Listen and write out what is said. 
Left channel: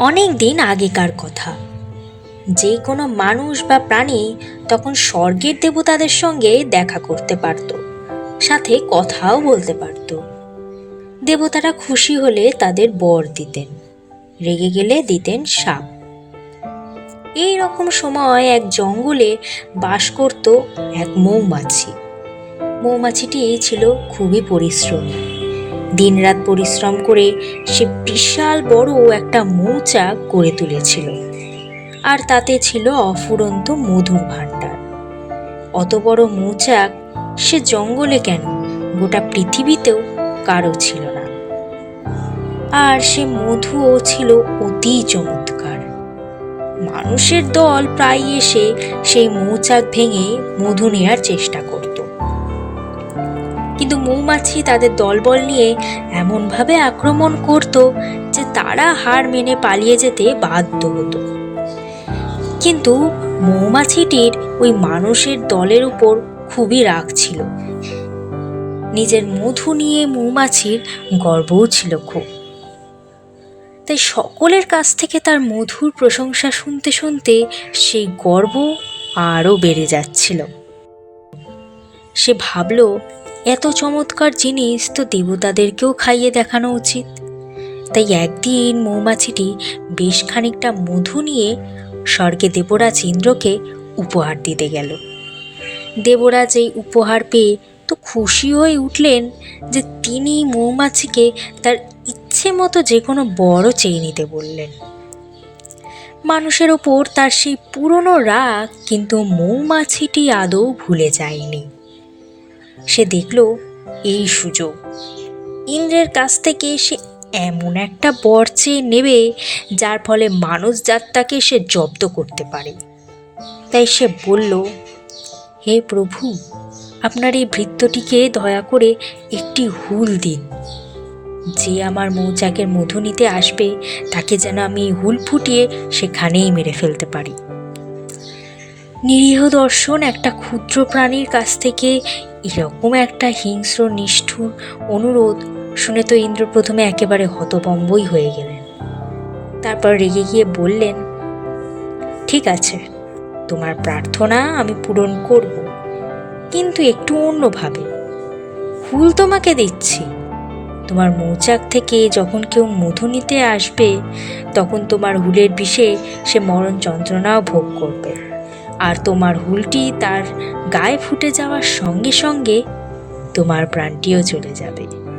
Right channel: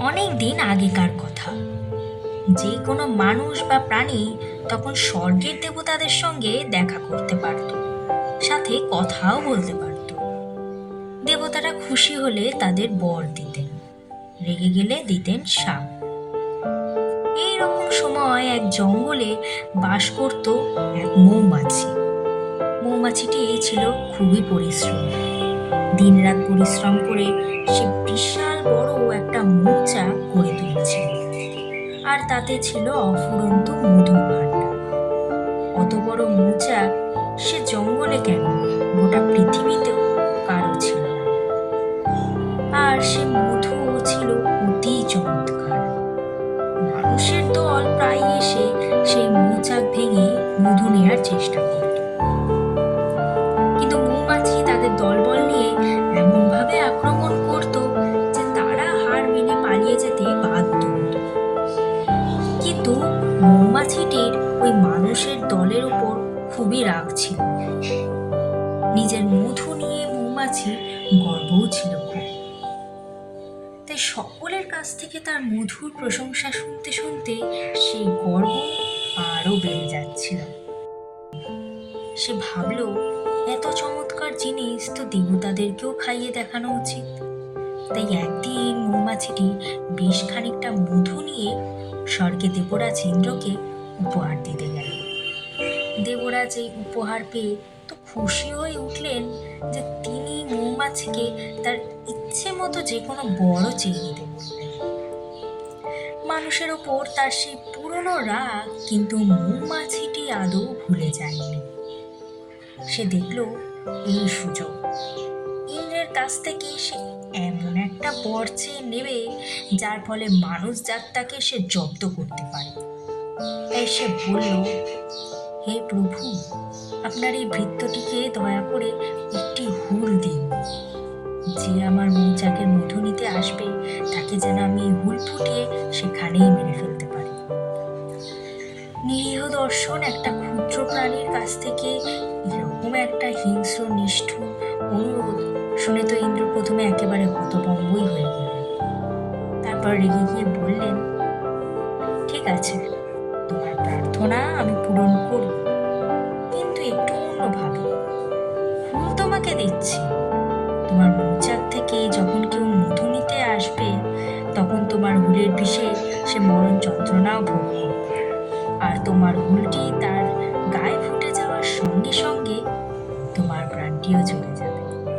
অনেক দিন আগেকার কথা। যে কোনো মানুষ বা প্রাণী তখন স্বর্গের দেবতাদের সঙ্গে দেখা করতে পারত, সাথে কথাও বলতে পারত। দেবতারা খুশি হলে তাদের বর দিতেন, রেগে গেলে দিতেন সাপ। এই রকম সময় এক জঙ্গলে বাস করত এক মৌমাছি। মৌমাছিটি ছিল খুবই পরিশ্রমী। দিনরাত পরিশ্রম করে সে বিশাল বড় একটা মৌচাক গড়ে তুলেছিল। আর তাতে ছিল অফুরন্ত মধুর ভাণ্ডার। অত বড় মৌচাক সে জঙ্গলে কেন? গোটা পৃথিবীতেও কারও ছিল না। আর সে মধুও ছিল অতি চমৎকার। মানুষের দল প্রায় এসে সেই মৌচাক ভেঙে মধু নেয়ার চেষ্টা করত। মৌমাছি তাদের দলবল নিয়ে এমনভাবে আক্রমণ করত যে তারা হার মেনে পালিয়ে যেতে বাধ্য হতো। কিন্তু মৌমাছিটির ওই মানুষের দলের উপর খুবই রাগ ছিল। নিজের মধু নিয়ে মৌমাছির গর্বও ছিল খুব। তাই সকলের কাছ থেকে তার মধুর প্রশংসা শুনতে শুনতে সেই গর্ব আরও বেড়ে যাচ্ছিল। সে ভাবল এত চমৎকার জিনিস তো দেবতাদেরকেও খাইয়ে দেখানো উচিত। তাই একদিন মৌমাছিটি বেশ খানিকটা মধু নিয়ে স্বর্গে দেবরাজ ইন্দ্রকে উপহার দিতে গেল। দেবরাজ এই উপহার পেয়ে তো খুশি হয়ে উঠলেন যে তিনি মৌমাছিকে তার ইচ্ছে মতো যে কোনো বড় চেয়ে নিতে বললেন। মানুষের ওপর তার সেই পুরনো রাগ কিন্তু মৌমাছিটি আদৌ ভুলে যায়নি। সে দেখল এই সুযোগ। ইন্দ্রের কাছ থেকে সে এমন একটা বর চেয়ে নেবে, যার ফলে মানুষ যাত্রাকে সে জব্দ করতে পারে। তাই সে বলল, হে প্রভু, আপনার এই ভৃত্যটিকে দয়া করে একটি হুল দিন। যে আমার মৌচাকের মধু নিতে আসবে, তাকে যেন আমি হুল ফুটিয়ে সেখানেই মেরে ফেলতে পারি। নিরীহ দর্শন একটা ক্ষুদ্র প্রাণীর কাছ থেকে এরকম একটা হিংস্র, নিষ্ঠুর অনুরোধ শুনে তো ইন্দ্র প্রথমে একেবারে হতভম্বই হয়ে গেলেন। তারপর রেগে গিয়ে বললেন, ঠিক আছে, তোমার প্রার্থনা আমি পূরণ করব, কিন্তু একটু অন্যভাবে। ফুল তোমাকে দিচ্ছি। তোমার মৌচাক থেকে যখন কেউ মধু নিতে আসবে, তখন তোমার হুলের বিষে সে মরণ যন্ত্রণাও ভোগ করবে। আর তোমার হুলটি তার গায়ে ফুটে যাওয়ার সঙ্গে সঙ্গে তোমার প্রাণটিও চলে যাবে।